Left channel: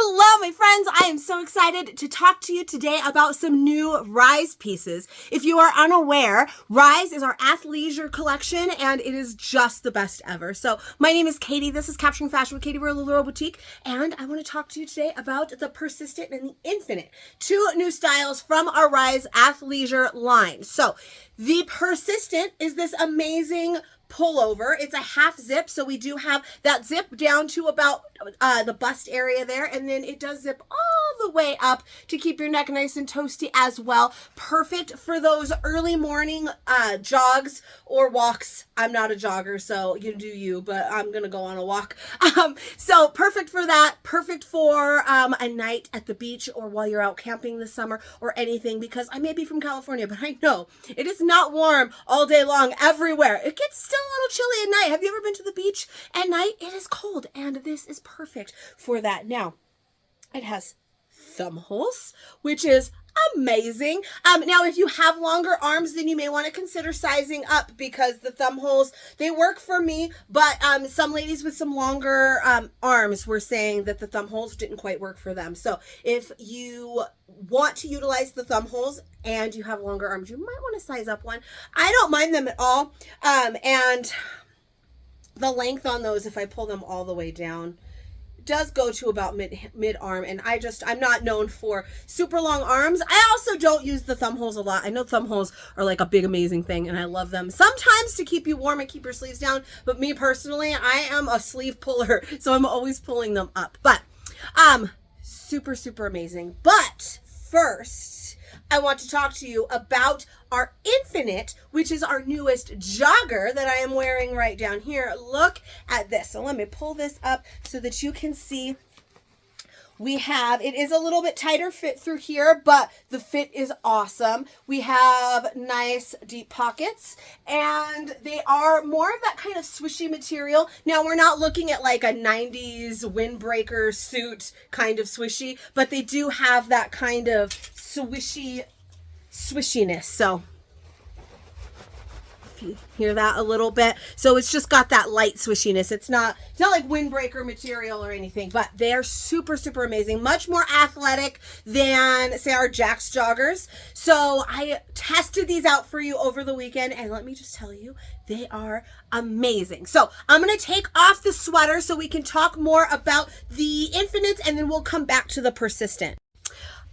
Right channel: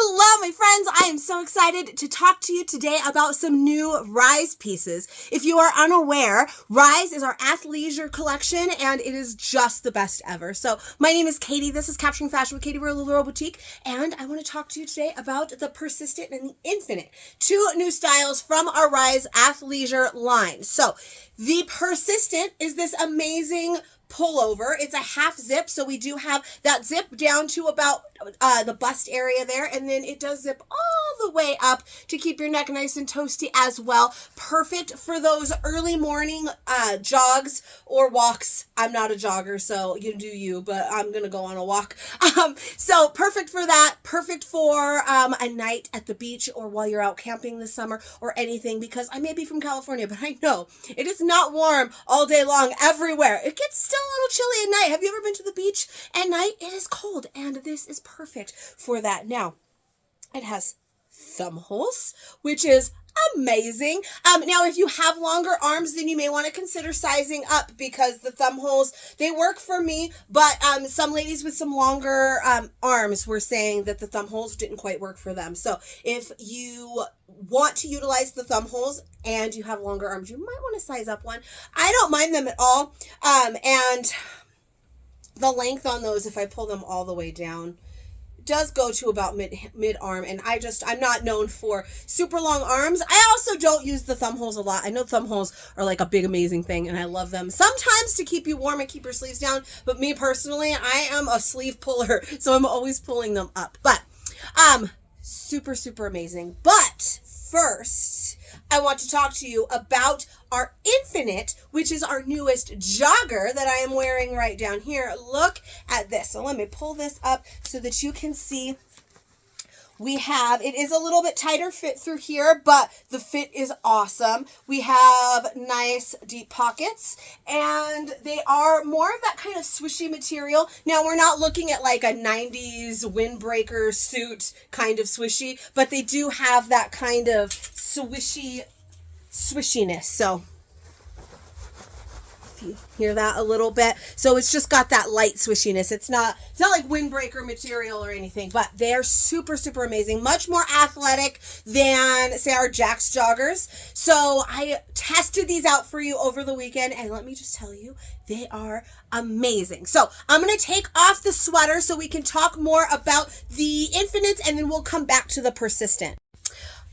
Hello, my friends. I am so excited to talk to you today about some new Rise pieces. If you are unaware, Rise is our athleisure collection, and it is just the best ever. So my name is Katie. This is Capturing Fashion with Katie. We're a Little Boutique, and I want to talk to you today about the Persistent and the Infinite, two new styles from our Rise athleisure line. So the Persistent is this amazing pullover. It's a half zip, so we do have that zip down to about the bust area there, and then it does zip all the way up to keep your neck nice and toasty as well. Perfect for those early morning jogs or walks. I'm not a jogger, so you do you, but I'm gonna go on a walk. So perfect for that. Perfect for a night at the beach or while you're out camping this summer or anything, because I may be from California, but I know it is not warm all day long everywhere. It gets still a little chilly at night. Have you ever been to the beach at night? It is cold, and this is perfect for that. Now, it has thumb holes, which is amazing. Now, if you have longer arms, then you may want to consider sizing up, because the thumb holes, they work for me, but some ladies with some longer arms were saying that the thumb holes didn't quite work for them. So if you want to utilize the thumb holes and you have longer arms, you might want to size up one. I don't mind them at all. And the length on those, if I pull them all the way down, does go to about mid arm, and I'm not known for super long arms. I also don't use the thumb holes a lot. I know thumb holes are like a big amazing thing, and I love them sometimes to keep you warm and keep your sleeves down, but me personally, I am a sleeve puller, so I'm always pulling them up. But super amazing. But first, I want to talk to you about our Infinite, which is our newest jogger that I am wearing right down here. Look at this. So let me pull this up so that you can see. It is a little bit tighter fit through here, but the fit is awesome. We have nice deep pockets, and they are more of that kind of swishy material. Now, we're not looking at like a 90s windbreaker suit kind of swishy, but they do have that kind of swishiness. So if you hear that a little bit, so it's just got that light swishiness. It's not like windbreaker material or anything, but they are super amazing, much more athletic than, say, our Jack's joggers. So I tested these out for you over the weekend, and let me just tell you, they are amazing. So I'm going to take off the sweater so we can talk more about the Infinite, and then we'll come back to the Persistent.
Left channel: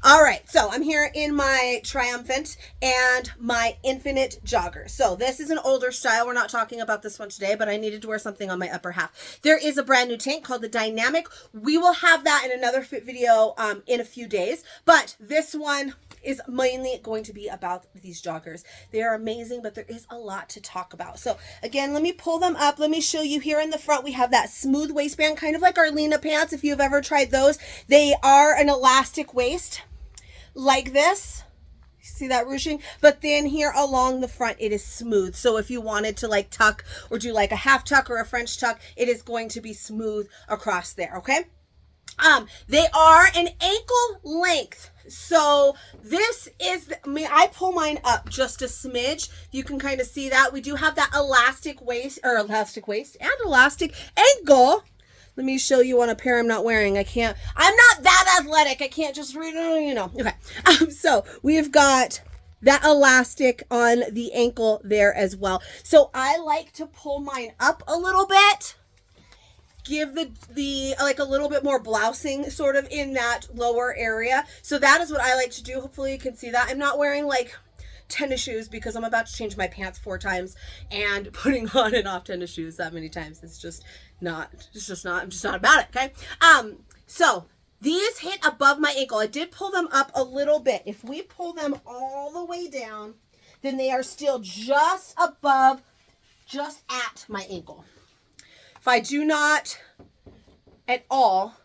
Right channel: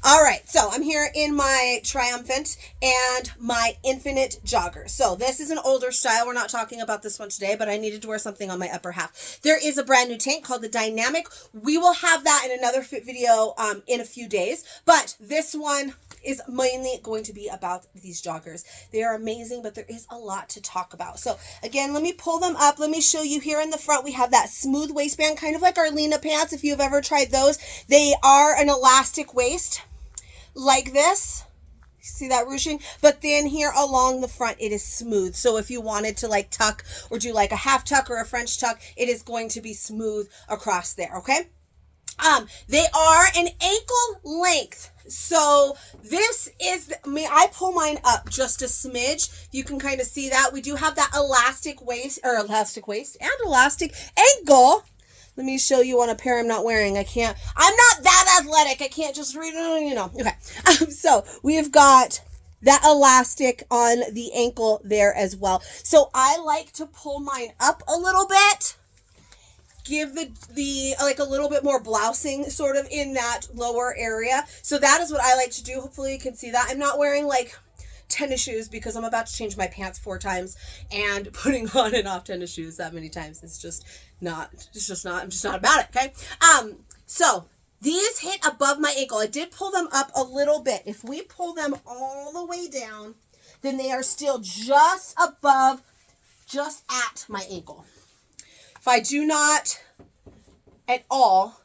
All right, so I'm here in my Triumphant and my Infinite jogger. So this is an older style. We're not talking about this one today, but I needed to wear something on my upper half. There is a brand new tank called the Dynamic. We will have that in another fit video in a few days, but this one is mainly going to be about these joggers. They are amazing, but there is a lot to talk about. So again, let me pull them up. Let me show you here in the front. We have that smooth waistband, kind of like our Lena pants, if you've ever tried those. They are an elastic waist, like this. See that ruching? But then here along the front, it is smooth. So if you wanted to like tuck or do like a half tuck or a French tuck, it is going to be smooth across there, okay? They are an ankle length. So this is, I pull mine up just a smidge. You can kind of see that. We do have that elastic waist and elastic ankle. Let me show you on a pair I'm not wearing. I'm not that athletic. I can't just read, Okay. So we've got that elastic on the ankle there as well. So I like to pull mine up a little bit, give the like a little bit more blousing sort of in that lower area. So that is what I like to do. Hopefully you can see that. I'm not wearing like tennis shoes because I'm about to change my pants 4 times, and putting on and off tennis shoes that many times, I'm just not about it, okay? So these hit above my ankle. I did pull them up a little bit. If we pull them all the way down, then they are still just above, just at my ankle. If I do not at all,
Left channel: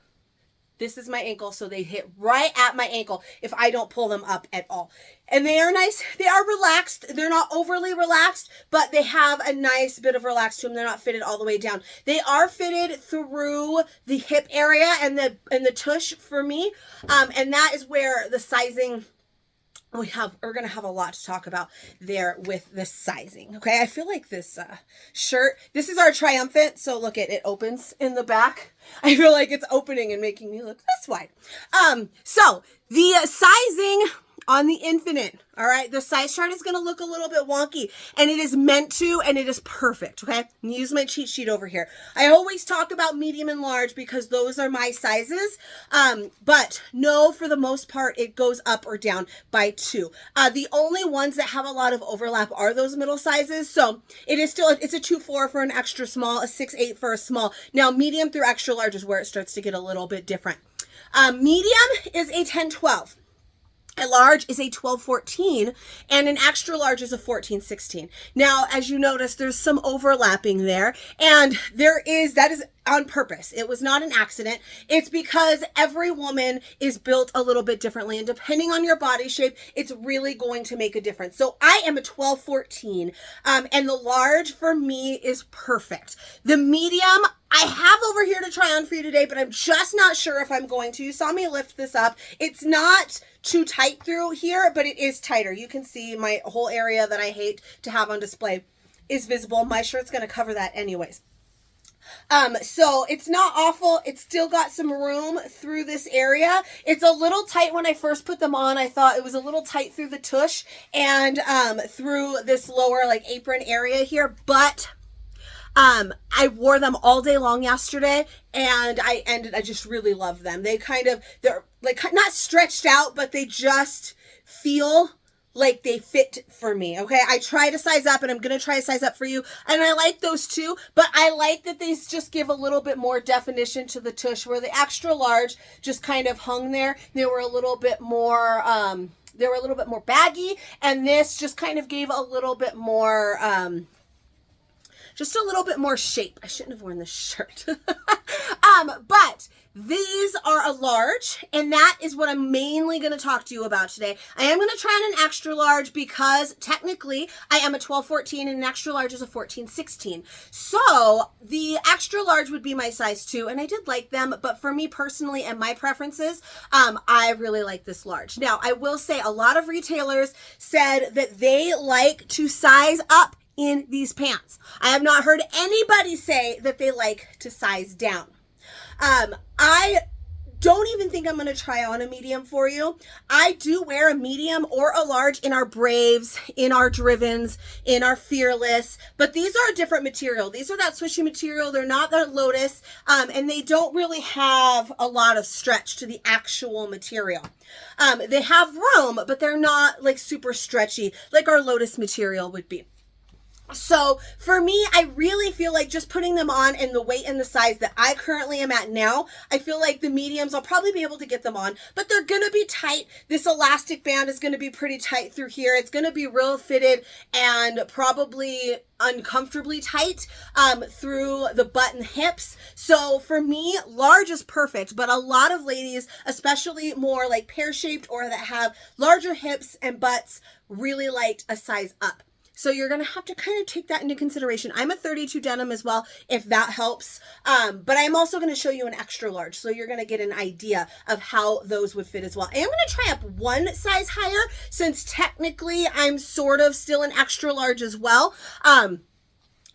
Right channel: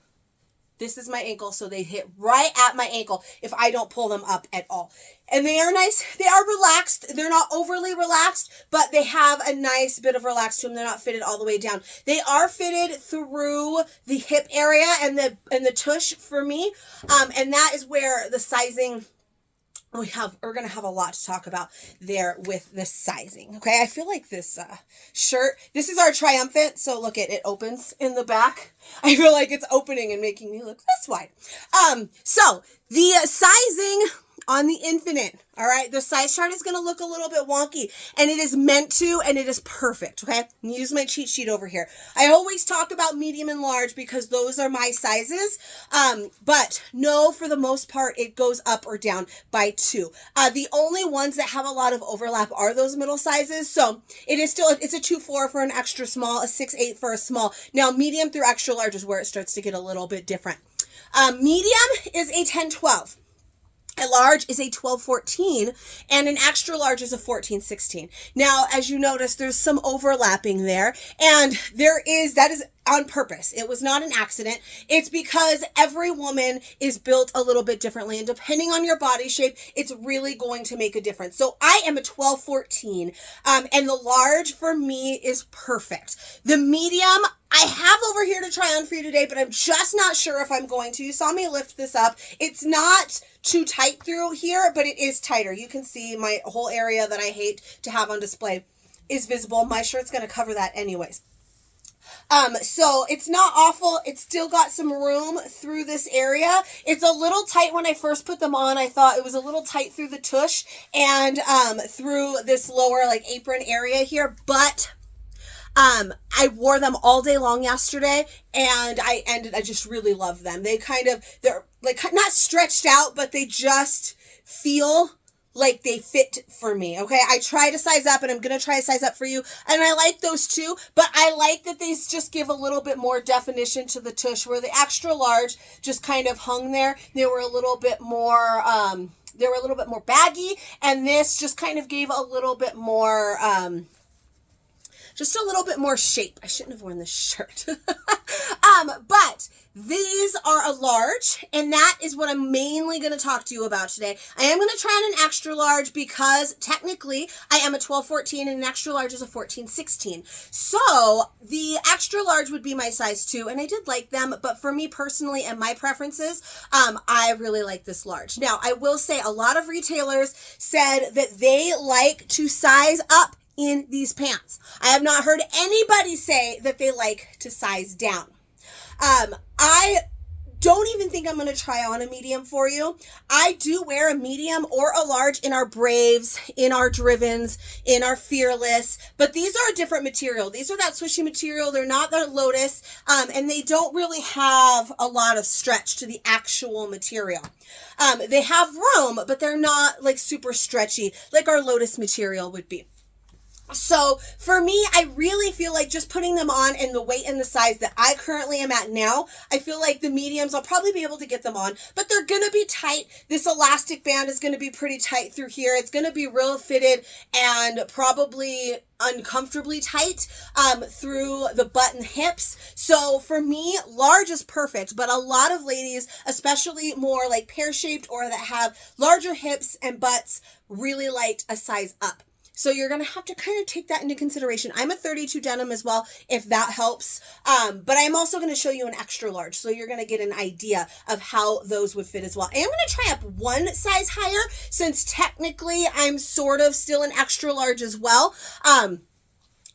this is my ankle, so they hit right at my ankle if I don't pull them up at all. And they are nice. They are relaxed. They're not overly relaxed, but they have a nice bit of relax to them. They're not fitted all the way down. They are fitted through the hip area and the tush for me. And that is where the sizing we're gonna have a lot to talk about there with the sizing. Okay, I feel like this shirt, this is our triumphant, so look, it opens in the back. I feel like it's opening and making me look this wide. So the sizing on the Infinite, all right, the size chart is going to look a little bit wonky, and it is meant to, and it is perfect, okay? I'm use my cheat sheet over here. I always talk about medium and large because those are my sizes, but no, for the most part, it goes up or down by 2. The only ones that have a lot of overlap are those middle sizes, so it is still, it's a 2-4 for an extra small, a 6-8 for a small. Now, medium through extra large is where it starts to get a little bit different. Medium is a 10-12. A large is a 12-14, and an extra large is a 14-16. Now, as you notice, there's some overlapping there, and that is on purpose. It was not an accident. It's because every woman is built a little bit differently, and depending on your body shape, it's really going to make a difference. So I am a 12-14, and the large for me is perfect. The medium I have over here to try on for you today, but I'm just not sure if I'm going to. You saw me lift this up. It's not too tight through here, but it is tighter. You can see my whole area that I hate to have on display is visible. My shirt's going to cover that anyways. So it's not awful. It's still got some room through this area. It's a little tight when I first put them on. I thought it was a little tight through the tush and through this lower like apron area here, but I wore them all day long yesterday, and I just really love them. They're like not stretched out, but they just feel like they fit for me. Okay. I try to size up, and I'm going to try to size up for you. And I like those too, but I like that they just give a little bit more definition to the tush, where the extra large just kind of hung there. They were a little bit more, baggy, and this just kind of gave a little bit more, just a little bit more shape. I shouldn't have worn this shirt. But these are a large, and that is what I'm mainly going to talk to you about today. I am going to try on an extra large because technically I am a 12-14 and an extra large is a 14-16. So the extra large would be my size 2, and I did like them, but for me personally and my preferences, I really like this large. Now, I will say a lot of retailers said that they like to size up in these pants. I have not heard anybody say that they like to size down. I don't even think I'm going to try on a medium for you. I do wear a medium or a large in our Braves, in our Drivens, in our Fearless, but these are a different material. These are that swishy material. They're not that Lotus, and they don't really have a lot of stretch to the actual material. They have room, but they're not like super stretchy like our Lotus material would be. So for me, I really feel like just putting them on and the weight and the size that I currently am at now, I feel like the mediums, I'll probably be able to get them on, but they're going to be tight. This elastic band is going to be pretty tight through here. It's going to be real fitted and probably uncomfortably tight through the butt and hips. So for me, large is perfect, but a lot of ladies, especially more like pear-shaped or that have larger hips and butts, really like a size up. So you're going to have to kind of take that into consideration. I'm a 32 denim as well, if that helps. But I'm also going to show you an extra large. So you're going to get an idea of how those would fit as well. I am going to try up one size higher since technically I'm sort of still an extra large as well.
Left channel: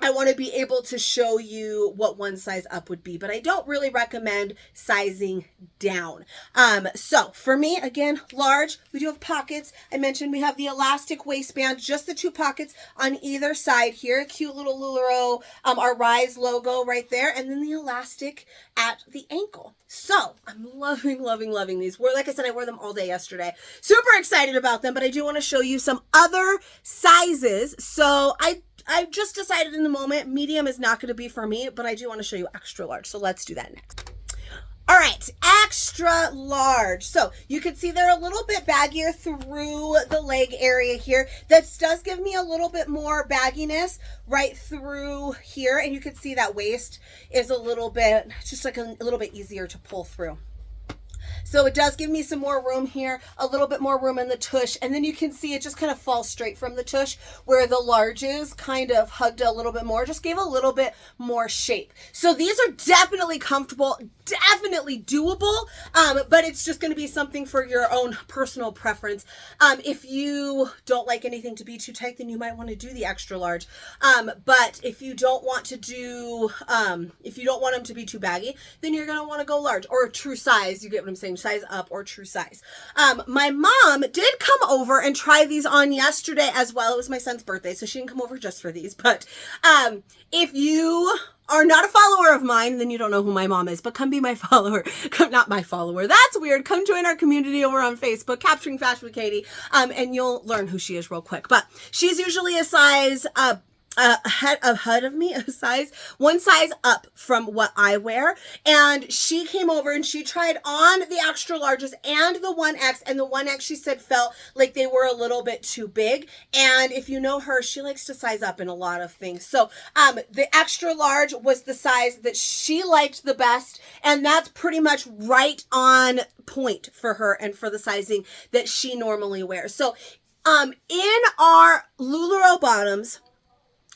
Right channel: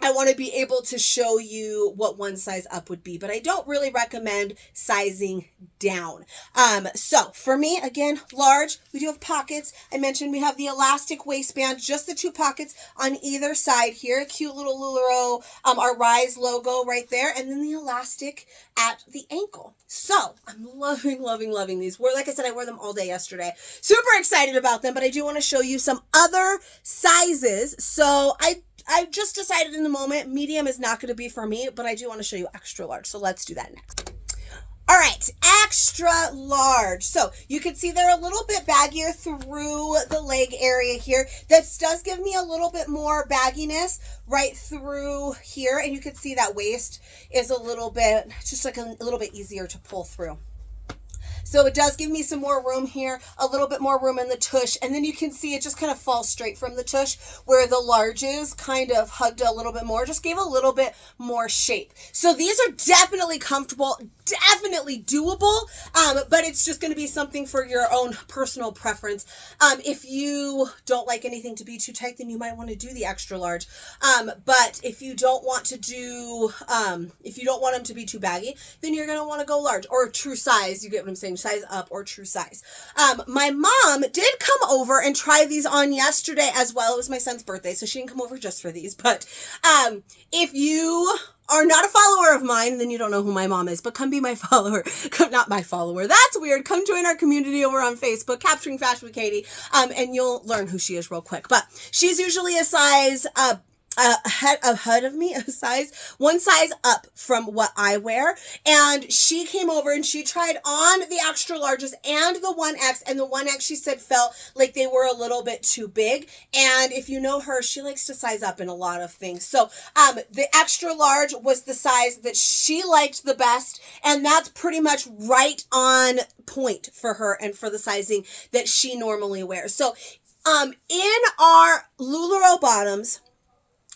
I want to be able to show you what one size up would be, but I don't really recommend sizing down. So for me, again, large, we do have pockets. I mentioned we have the elastic waistband, just the 2 pockets on either side here. Cute little LuLaRoe, our Rise logo right there. And then the elastic at the ankle. So I'm loving, loving, loving these. Like I said, I wore them all day yesterday. Super excited about them, but I do want to show you some other sizes. So I just decided in the moment, medium is not going to be for me, but I do want to show you extra large. So let's do that next. All right, extra large. So you can see they're a little bit baggier through the leg area here. This does give me a little bit more bagginess right through here. And you can see that waist is a little bit, just like a little bit easier to pull through. So it does give me some more room here, a little bit more room in the tush. And then you can see it just kind of falls straight from the tush, where the larges kind of hugged a little bit more, just gave a little bit more shape. So these are definitely comfortable, definitely doable, but it's just going to be something for your own personal preference. If you don't like anything to be too tight, then you might want to do the extra large. But if you don't want to do, if you don't want them to be too baggy, then you're going to want to go large or true size. You get what I'm saying? Size up or true size. My mom did come over and try these on yesterday as well. It was my son's birthday, so she didn't come over just for these. But if you are not a follower of mine, then you don't know who my mom is, but come be my follower. Not my follower. That's weird. Come join our community over on Facebook, Capturing Fashion with Katie, and you'll learn who she is real quick. But she's usually a size ahead of me, one size up from what I wear. And she came over and she tried on the extra larges and the 1X, and the 1X she said felt like they were a little bit too big. And if you know her, she likes to size up in a lot of things. So the extra large was the size that she liked the best, and that's pretty much right on point for her and for the sizing that she normally wears. So in our LuLaRoe bottoms,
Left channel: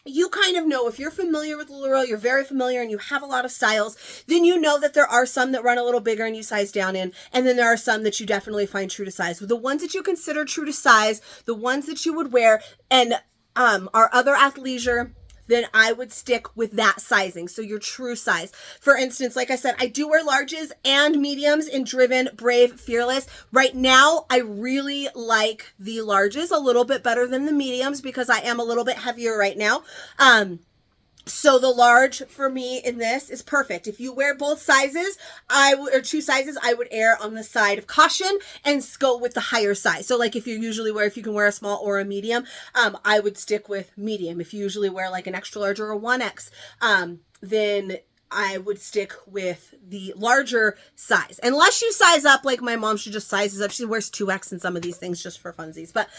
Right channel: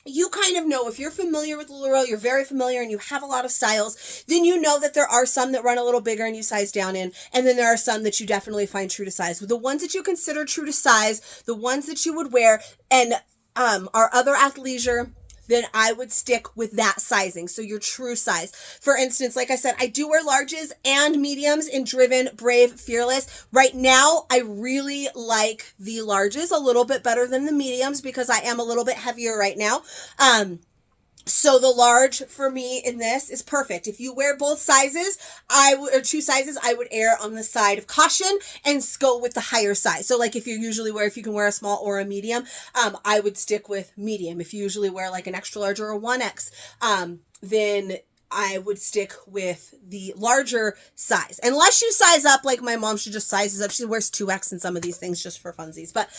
you kind of know, if you're familiar with LuLaRoe, you're very familiar and you have a lot of styles, then you know that there are some that run a little bigger and you size down in, and then there are some that you definitely find true to size. The ones that you consider true to size, the ones that you would wear, and our other athleisure, then I would stick with that sizing. So your true size. For instance, like I said, I do wear larges and mediums in Driven, Brave, Fearless. Right now, I really like the larges a little bit better than the mediums because I am a little bit heavier right now. So the large for me in this is perfect. If you wear both sizes, or two sizes, I would err on the side of caution and go with the higher size. So like if you can wear a small or a medium, I would stick with medium. If you usually wear like an extra large or a 1X, then I would stick with the larger size. Unless you size up, like my mom, she just sizes up. She wears 2X in some of these things just for funsies. But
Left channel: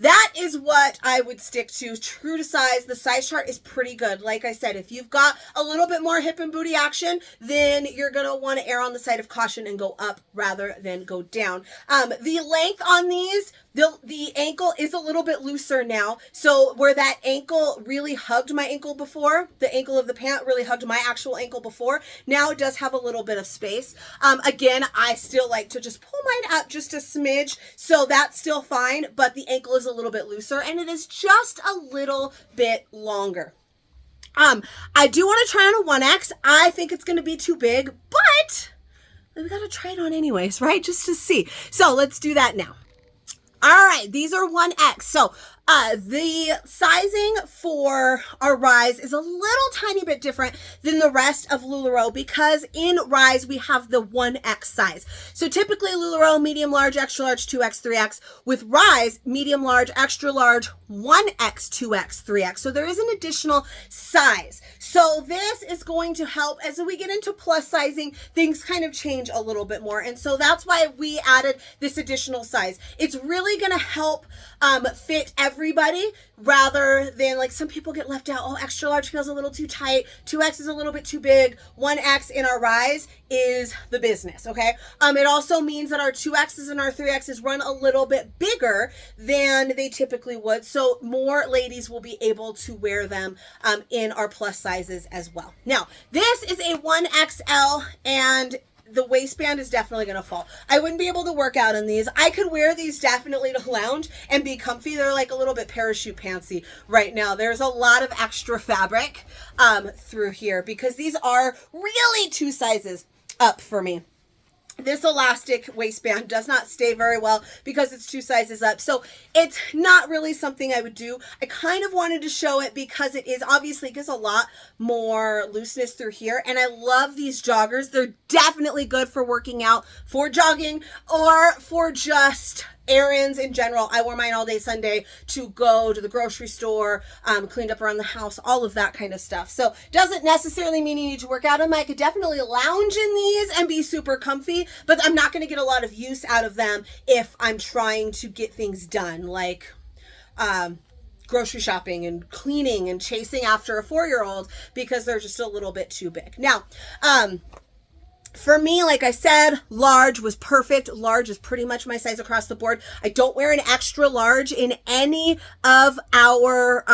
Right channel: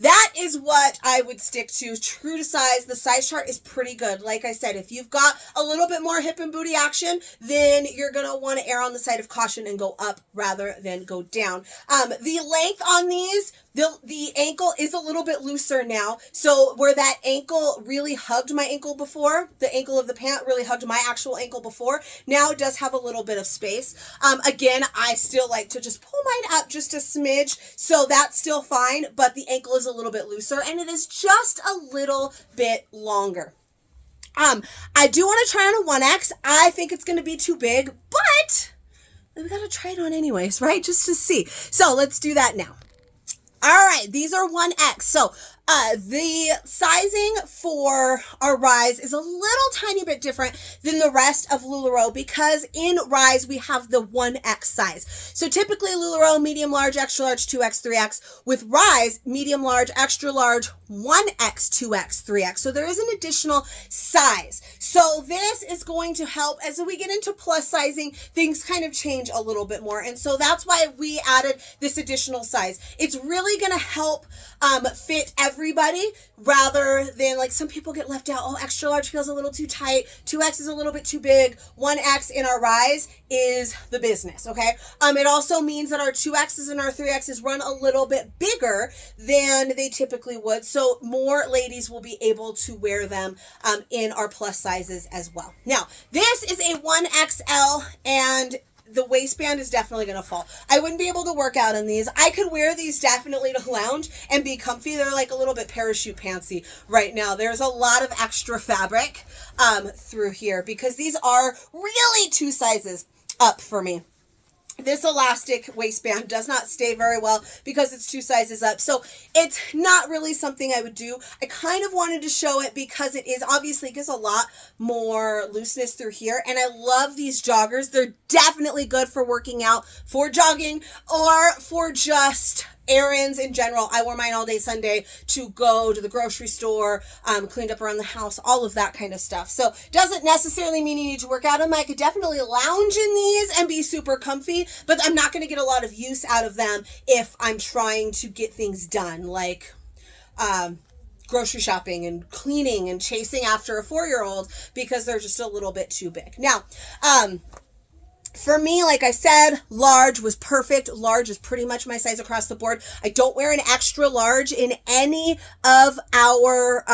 that is what I would stick to. True to size. The size chart is pretty good. Like I said, if you've got a little bit more hip and booty action, then you're going to want to err on the side of caution and go up rather than go down. The length on these, the ankle is a little bit looser now. So where that ankle really hugged my ankle before, the ankle of the pant really hugged my actual ankle before, now it does have a little bit of space. Again, I still like to just pull mine up just a smidge, so that's still fine, but the ankle is a little bit looser and it is just a little bit longer. I do want to try on a 1X. I think it's going to be too big, but we got to try it on anyways, right? Just to see. So let's do that now. All right, these are 1X. So the sizing for our Rise is a little tiny bit different than the rest of LuLaRoe because in Rise we have the 1X size. So typically LuLaRoe, medium, large, extra large, 2X, 3X. With Rise, medium, large, extra large, 1X, 2X, 3X. So there is an additional size. So this is going to help as we get into plus sizing, things kind of change a little bit more. And so that's why we added this additional size. It's really going to help fit everybody rather than like some people get left out. Oh, extra large feels a little too tight. 2X is a little bit too big. 1X in our Rise is the business. Okay. It also means that our 2Xs and our 3Xs run a little bit bigger than they typically would. So more ladies will be able to wear them in our plus sizes as well. Now, this is a 1XL and the waistband is definitely going to fall. I wouldn't be able to work out in these. I could wear these definitely to lounge and be comfy. They're like a little bit parachute pantsy right now. There's a lot of extra fabric through here because these are really two sizes up for me. This elastic waistband does not stay very well because it's two sizes up. So it's not really something I would do. I kind of wanted to show it because it is obviously gives a lot more looseness through here. And I love these joggers. They're definitely good for working out, for jogging, or for just errands in general. I wore mine all day Sunday to go to the grocery store, cleaned up around the house, all of that kind of stuff. So doesn't necessarily mean you need to work out in them. I could definitely lounge in these and be super comfy, but I'm not going to get a lot of use out of them if I'm trying to get things done, like grocery shopping and cleaning and chasing after a 4-year-old because they're just a little bit too big. Now, For me, like I said, large was perfect. Large is pretty much my size across the board. I don't wear an extra large in any of our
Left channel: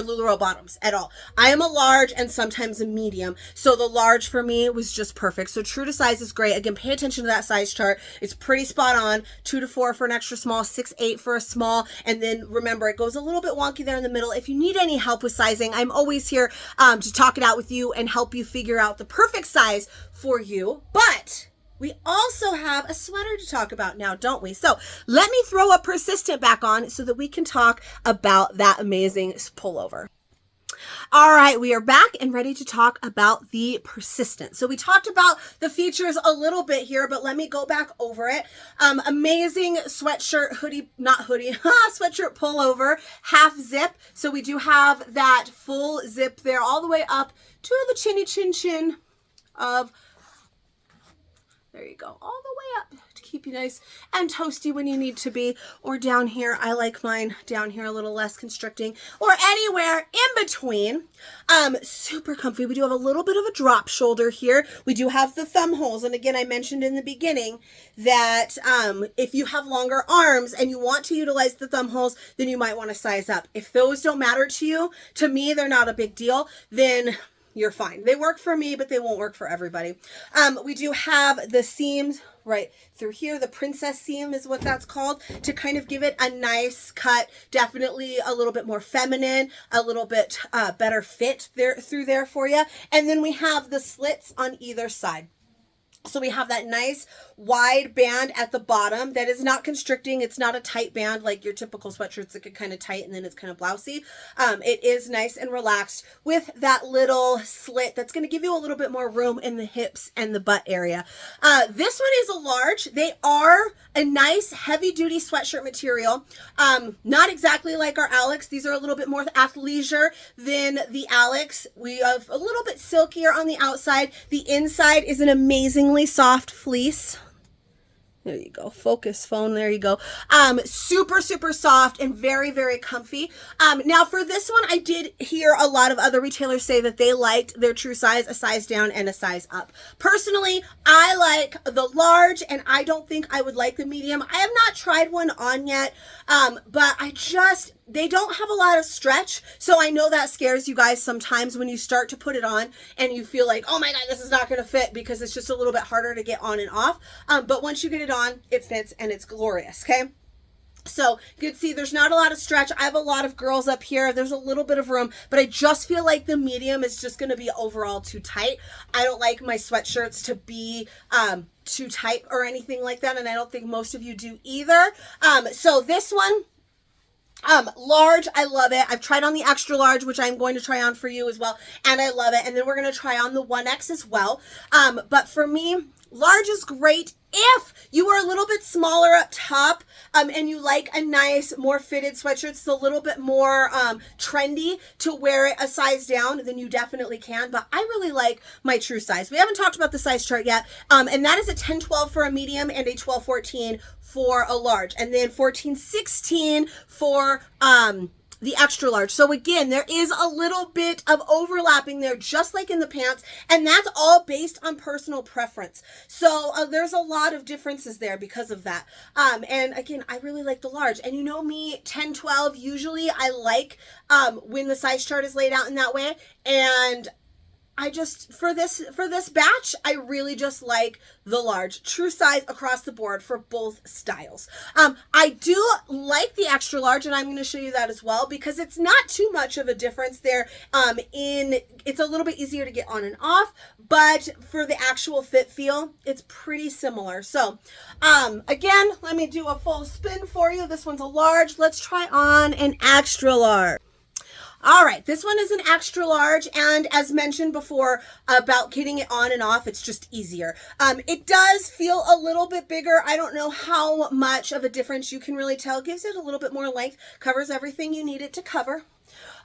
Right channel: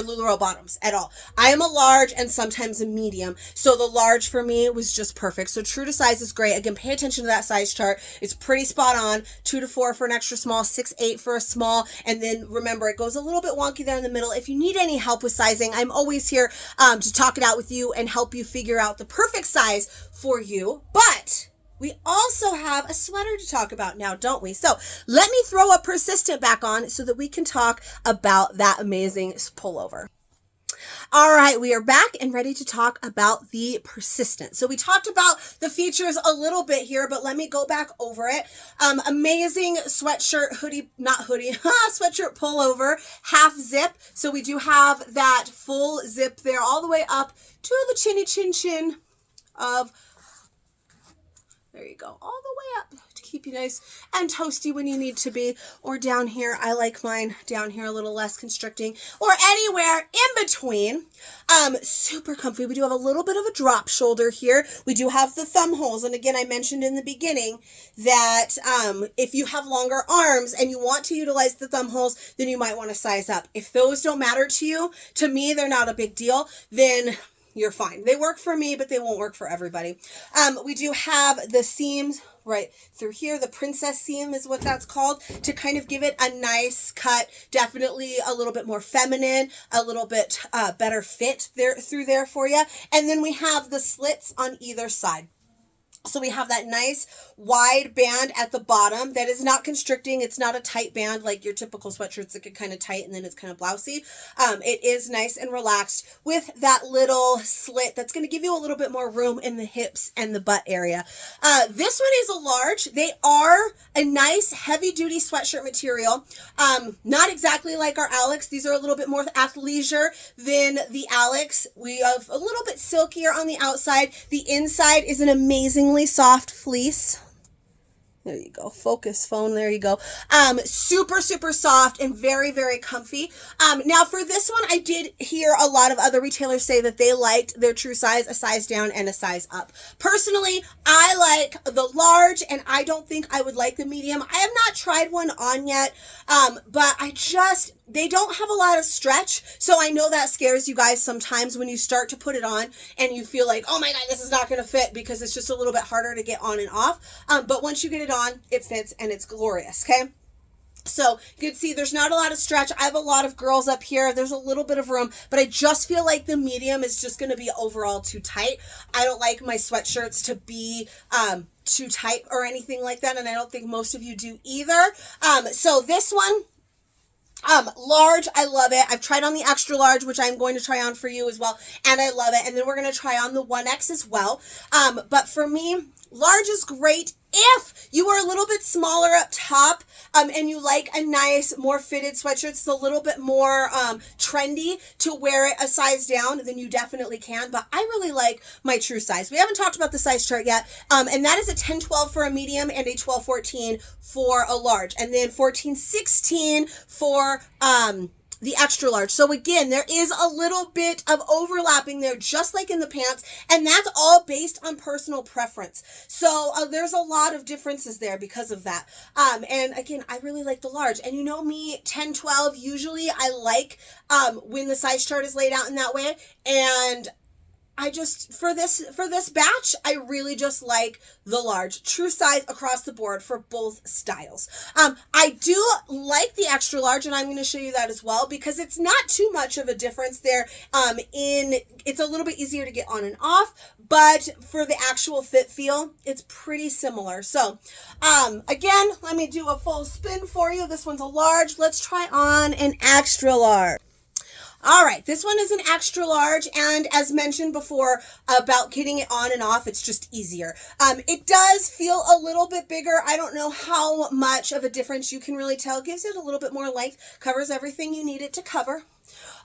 LuLaRoe bottoms at all. I am a large and sometimes a medium. So the large for me was just perfect. So true to size is great. Again, pay attention to that size chart. It's pretty spot on. 2 to 4 for an extra small, 6, 8 for a small. And then remember, it goes a little bit wonky there in the middle. If you need any help with sizing, I'm always here to talk it out with you and help you figure out the perfect size for you. But we also have a sweater to talk about now, don't we? So let me throw a persistent back on so that we can talk about that amazing pullover. All right, we are back and ready to talk about the persistent. So we talked about the features a little bit here, but let me go back over it. Amazing sweatshirt, sweatshirt pullover, half zip. So we do have that full zip there all the way up to the chinny chin of, there you go, all the way up to keep you nice and toasty when you need to be. Or down here, I like mine down here a little less constricting, or anywhere in between. Super comfy. We do have a little bit of a drop shoulder here. We do have the thumb holes. And again, I mentioned in the beginning that if you have longer arms and you want to utilize the thumb holes, then you might want to size up. If those don't matter to you, to me, they're not a big deal, then you're fine. They work for me, but they won't work for everybody. We do have the seams right through here. The princess seam is what that's called, to kind of give it a nice cut. Definitely a little bit more feminine, a little bit better fit there through there for you. And then we have the slits on either side. So we have that nice wide band at the bottom that is not constricting. It's not a tight band like your typical sweatshirts that get kind of tight and then it's kind of blousy. It is nice and relaxed with that little slit that's going to give you a little bit more room in the hips and the butt area. This one is a large. They are a nice heavy duty sweatshirt material. Not exactly like our Alex. These are a little bit more athleisure than the Alex. We have a little bit silkier on the outside. The inside is an amazingly soft fleece. There you go. Focus phone. There you go. Super, super soft and very, very comfy. Now for this one, I did hear a lot of other retailers say that they liked their true size, a size down and a size up. Personally, I like the large and I don't think I would like the medium. I have not tried one on yet, but they don't have a lot of stretch. So I know that scares you guys sometimes when you start to put it on and you feel like, oh my God, this is not going to fit, because it's just a little bit harder to get on and off. But once you get it on, it fits and it's glorious. Okay. So you can see there's not a lot of stretch. I have a lot of girls up here. There's a little bit of room, but I just feel like the medium is just going to be overall too tight. I don't like my sweatshirts to be too tight or anything like that. And I don't think most of you do either. So this one, large, I love it. I've tried on the extra large, which I'm going to try on for you as well, and I love it. And then we're going to try on the 1X as well. But for me, large is great if you are a little bit smaller up top, and you like a nice, more fitted sweatshirt. It's a little bit more trendy to wear it a size down, then you definitely can. But I really like my true size. We haven't talked about the size chart yet, and that is a 10-12 for a medium and a 12-14 for a large, and then 14-16 for the extra large. So again, there is a little bit of overlapping there, just like in the pants, and that's all based on personal preference. So there's a lot of differences there because of that. And again, I really like the large. And you know me, 10-12, usually I like when the size chart is laid out in that way. And I just, for this batch, I really just like the large. True size across the board for both styles. I do like the extra large, and I'm going to show you that as well, because it's not too much of a difference there. It's a little bit easier to get on and off, but for the actual fit feel, it's pretty similar. So, again, let me do a full spin for you. This one's a large. Let's try on an extra large. All right, this one is an extra large, and as mentioned before about getting it on and off, it's just easier. It does feel a little bit bigger. I don't know how much of a difference you can really tell. It gives it a little bit more length, covers everything you need it to cover.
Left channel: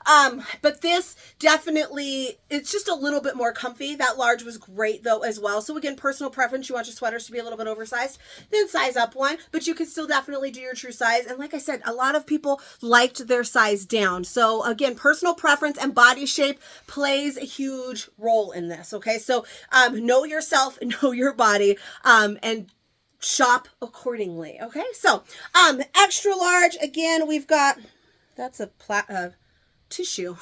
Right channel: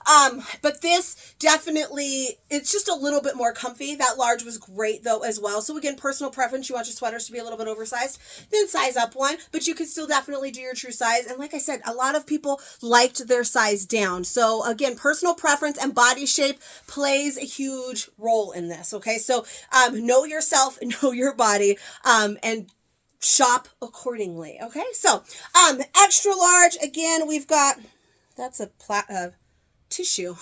But this definitely, it's just a little bit more comfy. That large was great though as well. So again, personal preference, you want your sweaters to be a little bit oversized, then size up one, but you can still definitely do your true size. And like I said, a lot of people liked their size down. So again, personal preference and body shape plays a huge role in this. Okay. So, know yourself, know your body, and shop accordingly. Okay. So, extra large, again, we've got, that's a tissue.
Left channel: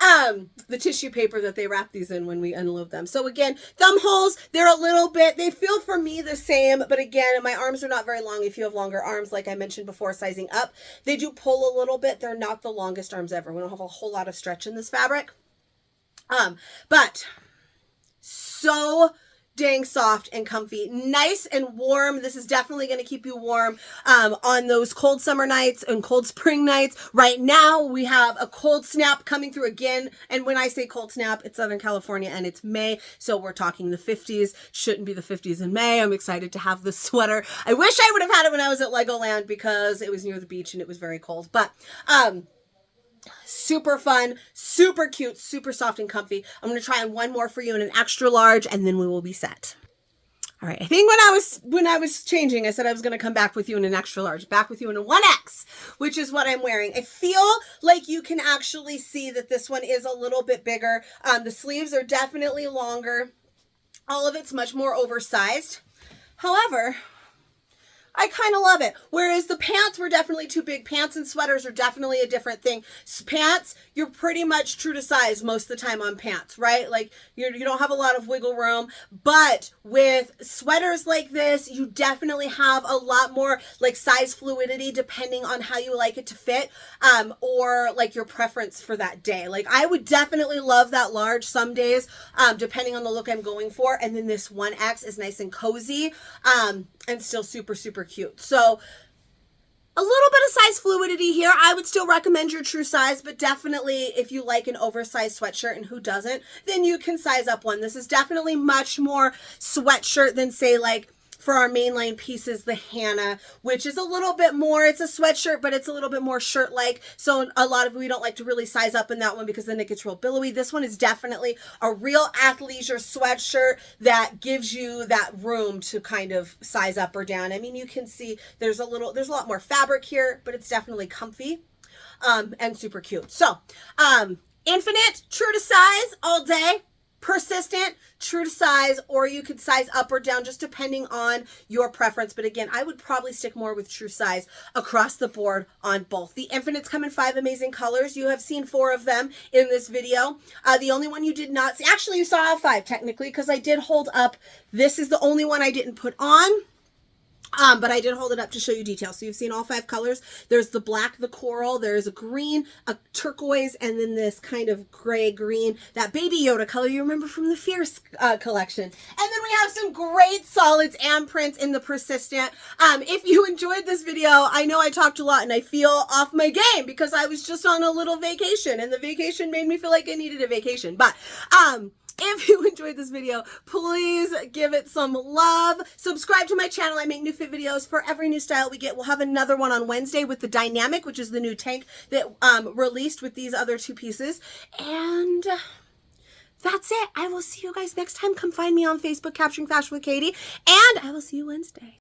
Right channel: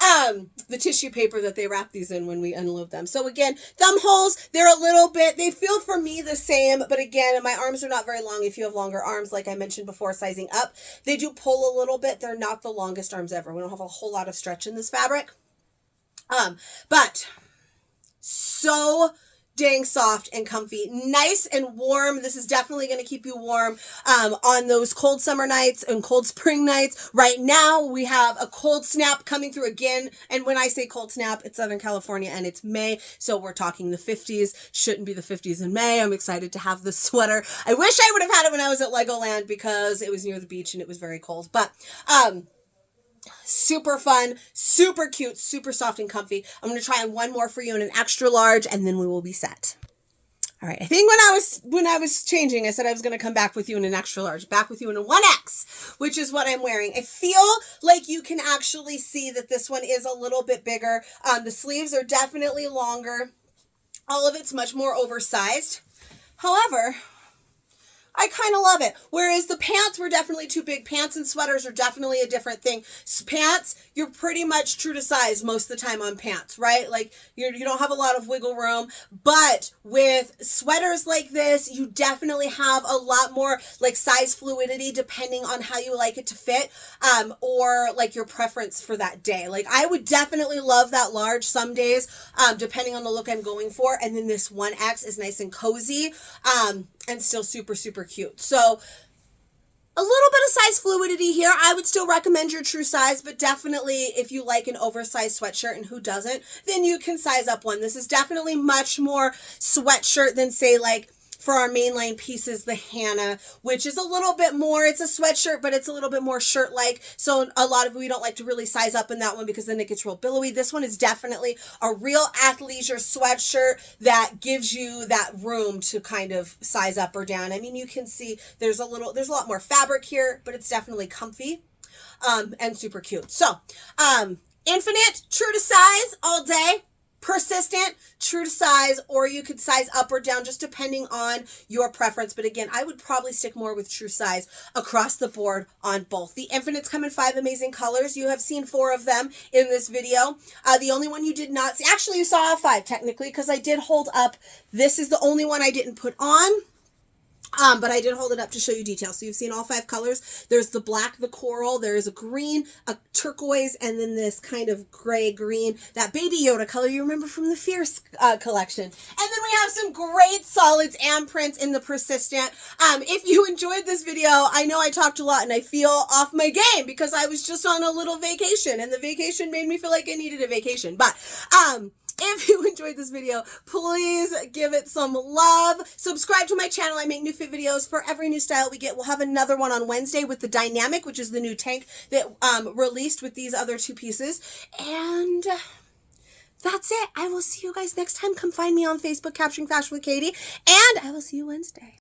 The tissue paper that they wrap these in when we unload them. So again, thumb holes, they're a little bit, they feel for me the same, but again, my arms are not very long. If you have longer arms, like I mentioned before, sizing up, they do pull a little bit. They're not the longest arms ever. We don't have a whole lot of stretch in this fabric. But so dang soft and comfy, nice and warm. This is definitely going to keep you warm on those cold summer nights and cold spring nights. Right now we have a cold snap coming through again, and when I say cold snap, it's Southern California and it's May, so we're talking the 50s. Shouldn't be the 50s in May. I'm excited to have this sweater. I wish I would have had it when I was at Legoland because it was near the beach and it was very cold, but super fun, super cute, super soft and comfy. I'm going to try on one more for you in an extra large, and then we will be set. All right. I think when I was changing, I said I was going to come back with you in an extra large, back with you in a 1X, which is what I'm wearing. I feel like you can actually see that this one is a little bit bigger. The sleeves are definitely longer. All of it's much more oversized. However, I kind of love it. Whereas the pants were definitely too big. Pants and sweaters are definitely a different thing. Pants, you're pretty much true to size most of the time on pants, right? Like you don't have a lot of wiggle room. But with sweaters like this, you definitely have a lot more like size fluidity depending on how you like it to fit, or like your preference for that day. Like I would definitely love that large some days, depending on the look I'm going for. And then this 1X is nice and cozy, and still super, super cute. So a little bit of size fluidity here. I would still recommend your true size, but definitely if you like an oversized sweatshirt, and who doesn't, then you can size up one. This is definitely much more sweatshirt than say like for our mainline pieces, the Hannah, which is a little bit more, it's a sweatshirt, but it's a little bit more shirt-like. So a lot of, we don't like to really size up in that one because then it gets real billowy. This one is definitely a real athleisure sweatshirt that gives you that room to kind of size up or down. I mean, you can see there's a lot more fabric here, but it's definitely comfy, and super cute. So, Infinite, true to size all day. Persistent, true to size, or you could size up or down just depending on your preference. But again, I would probably stick more with true size across the board on both. The Infinites come in 5 amazing colors. You have seen 4 of them in this video. The only one you did not see, actually you saw 5 technically, because I did hold up. This is the only one I didn't put on. But I did hold it up to show you details. So you've seen all 5 colors. There's the black, the coral, there's a green, a turquoise, and then this kind of gray green, that baby Yoda color you remember from the Fierce collection. And then we have some great solids and prints in the Persistent. If you enjoyed this video, I know I talked a lot and I feel off my game because I was just on a little vacation and the vacation made me feel like I needed a vacation. But, if you enjoyed this video, please give it some love. Subscribe to my channel. I make new fit videos for every new style we get. We'll have another one on Wednesday with the Dynamic, which is the new tank that released with these other 2 pieces. And that's it. I will see you guys next time. Come find me on Facebook, Capturing Fashion with Katie. And I will see you Wednesday.